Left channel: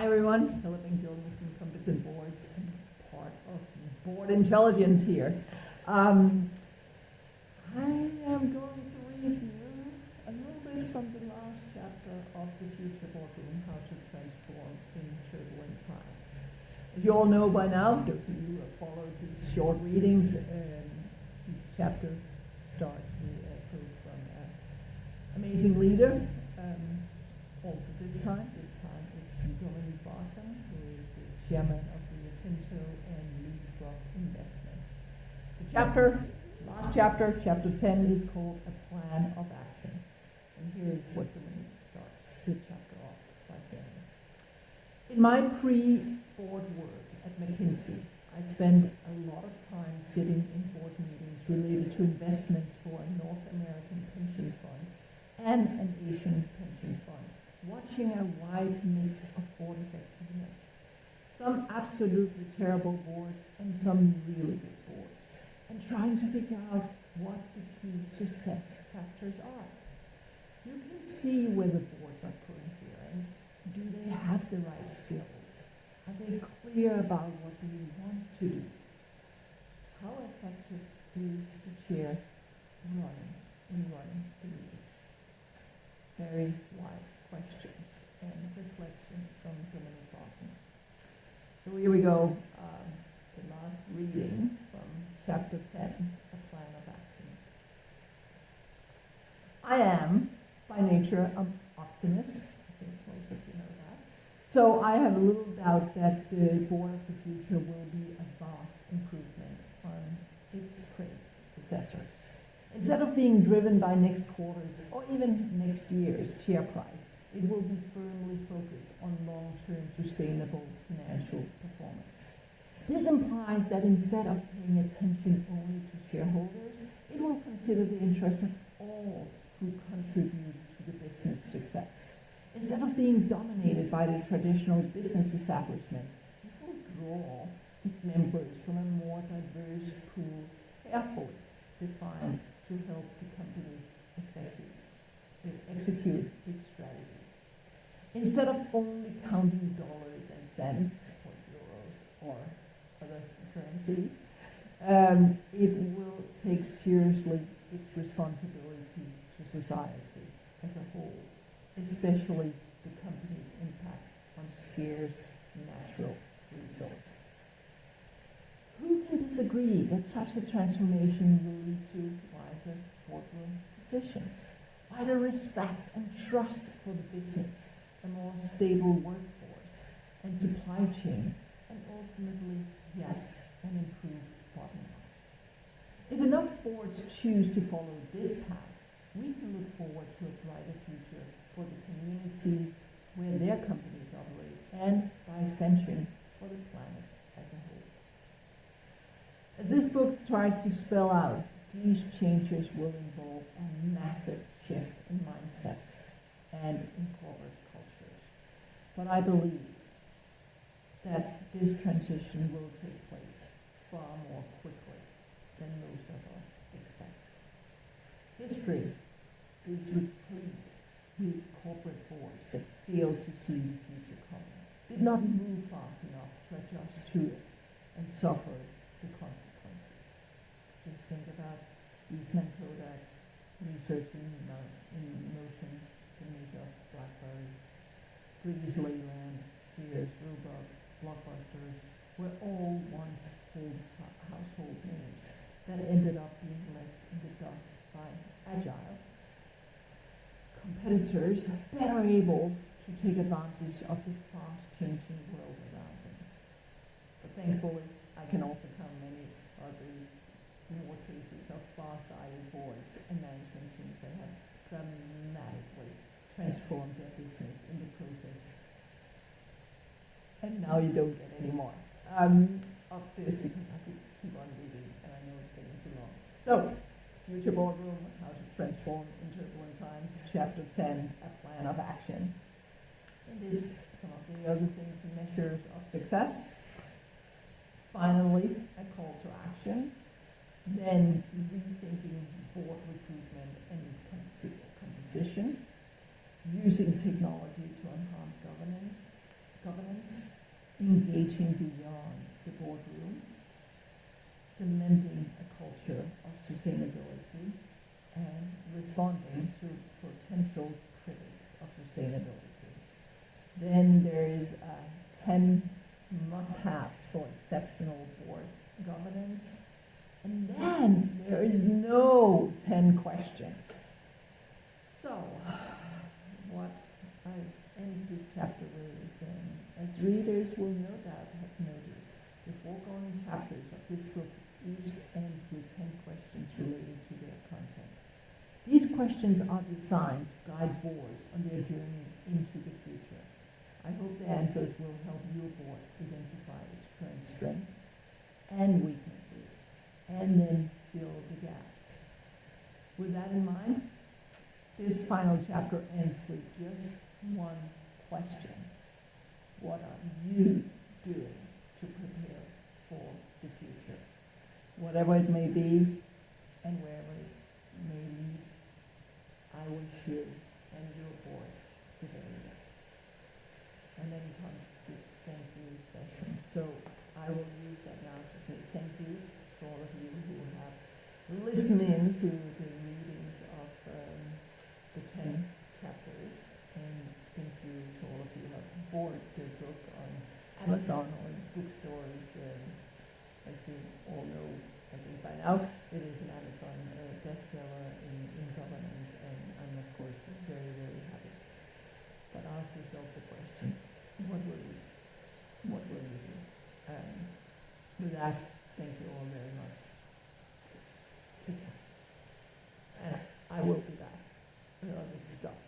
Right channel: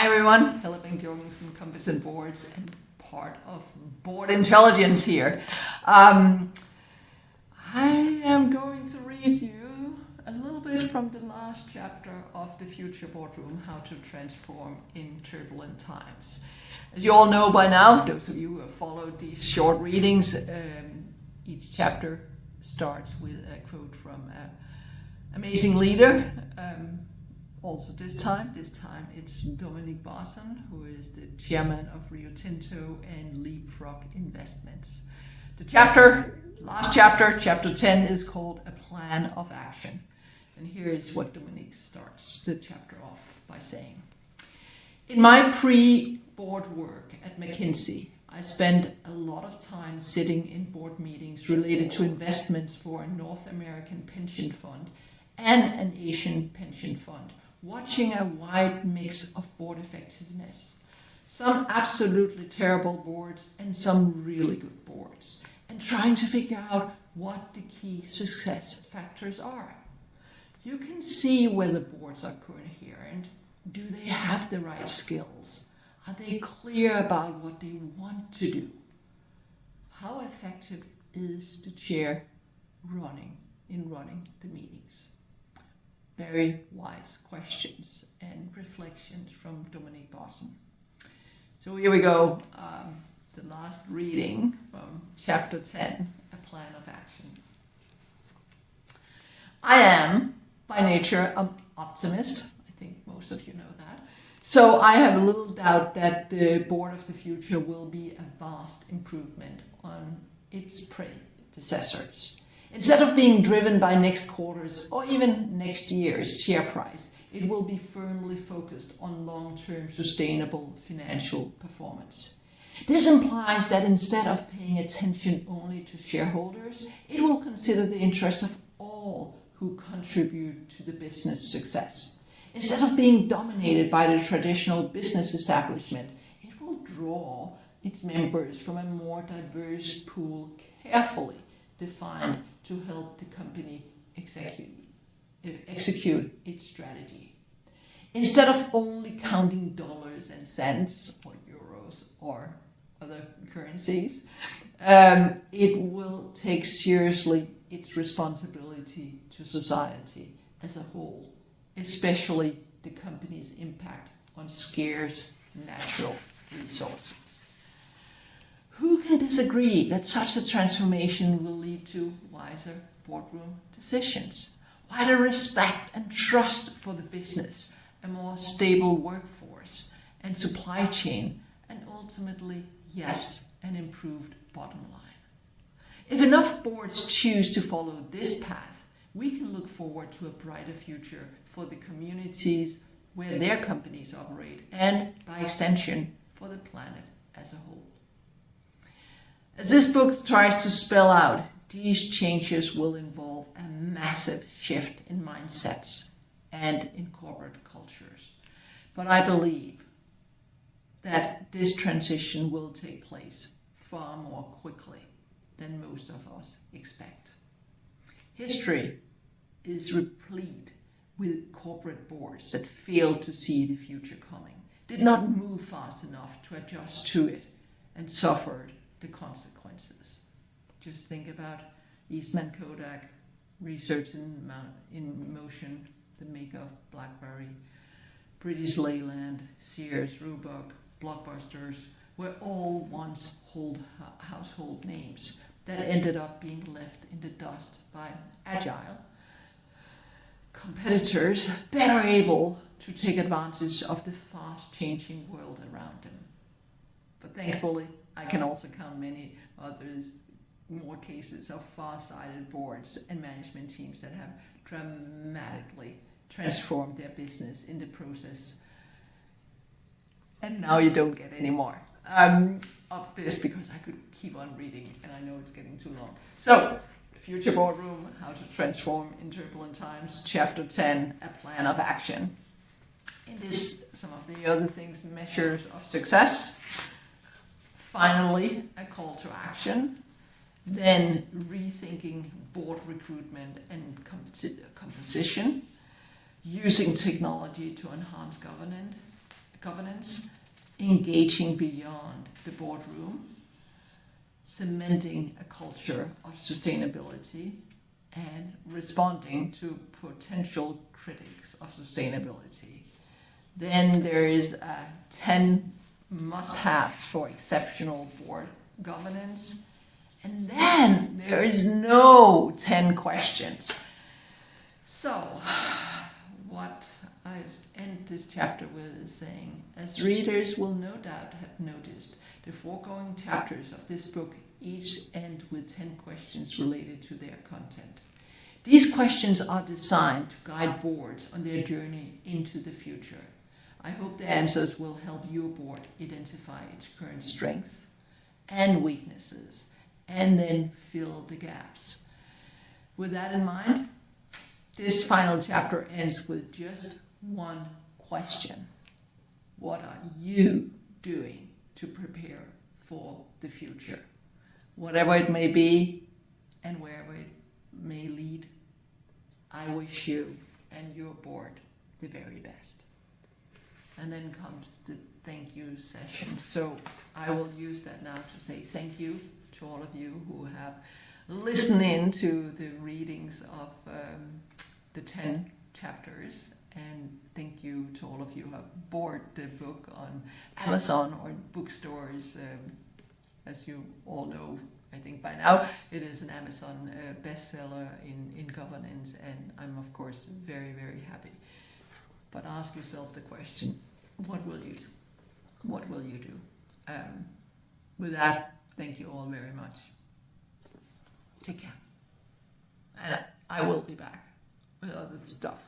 Hi everyone, Helle Bang-Jorgensen, Compass and Boards, and part of Board Intelligence here. I am going to read you a little bit from the last chapter of The Future Boardroom, How to Transform in Turbulent Times. As you all know by now, those of you who have followed these short readings, each chapter starts with a quote from an amazing leader. Also this time it's Dominique Bosson, who is the chairman of Rio Tinto and Leapfrog Investments. The last chapter, chapter 10, is called A Plan of Action. And here is what Dominique starts the chapter off by saying. In my pre-board work at McKinsey, I spent a lot of time sitting in board meetings related to investments for a North American pension fund and an Asian pension fund, watching a wide mix of board effectiveness. Some absolutely terrible boards and some really good boards, and trying to figure out what the key success factors are. You can see whether boards are coherent. Do they have the right skills? Are they clear about what they want to do? How effective is the chair running the meetings? Very wise questions and reflections from Dominique Bosson. So here we go, the last reading from chapter 10, A Plan of Action. I am, by nature, an optimist. I think most of you know that. So I have little doubt that the Board of the Future will be a vast improvement on its predecessors. Instead of being driven by next quarter's or even next year's share price, it will be firmly focused on long-term sustainable financial performance. This implies that instead of paying attention only to shareholders, it will consider the interest of all who contribute to the business success. Instead of being dominated by the traditional business establishment, it will draw its members from a more diverse pool, carefully defined, to help the company execute its strategy. Instead of only counting dollars and cents or euros or other currencies, it will take seriously its responsibility to society as a whole, especially the company's impact on scarce natural resources. Who can disagree that such a transformation will lead to wiser boardroom decisions, wider respect and trust for the business, a more stable workforce and supply chain, and ultimately, yes, an improved bottom line? If enough boards choose to follow this path, we can look forward to a brighter future for the communities where their companies operate and, by extension, for the planet as a whole. As this book tries to spell out, these changes will involve a massive shift in mindsets and in corporate cultures. But I believe that this transition will take place far more quickly than most of us expect. History is replete with corporate boards that failed to see the future coming, did not move fast enough to adjust to it, and suffered the consequences. Just think about Eastman Kodak, Research in Motion, the maker of BlackBerry, British Leyland, Sears, Roebuck, Blockbusters were all once household names that ended up being left in the dust by agile competitors better able to take advantage of the fast-changing world around them. But thankfully, I can also count many others, more cases of far-sighted boards and management teams that have dramatically transformed their business in the process. And now you don't get any more of this, because I could keep on reading and I know it's getting too long. So, Future Boardroom, How to Transform in Turbulent Times, Chapter 10, A Plan of Action. In this, some of the other things, measures of success. Finally, a call to action. Then rethinking board recruitment and composition. Using technology to enhance governance. governance, engaging beyond the boardroom, cementing a culture of sustainability, and responding to potential critics of sustainability. Then there is 10 must-haves for exceptional board governance. And then there is no 10 questions. So, what I end this chapter with is saying, as readers will no doubt have noticed, the foregoing chapters of this book each end with 10 questions related to their content. These questions are designed to guide boards on their journey into the future. I hope the answers will help your board identify its current strengths and weaknesses, and then fill the gaps. With that in mind, this final chapter ends with just one question. What are you doing to prepare for the future? Whatever it may be and wherever it may lead, I wish you and your board the very best. And then comes the thank you session. So I will use that now to say thank you to all of you who have listened in to the readings of the 10 chapters, and thank you to all of you who have bought the book on Amazon or bookstores. As you all know, I think by now, it is an Amazon bestseller in governance, and I'm of course very, very happy. But ask yourself the question, what will you do? What will you do? With that, thank you all very much. Take care. And I will be back with other stuff.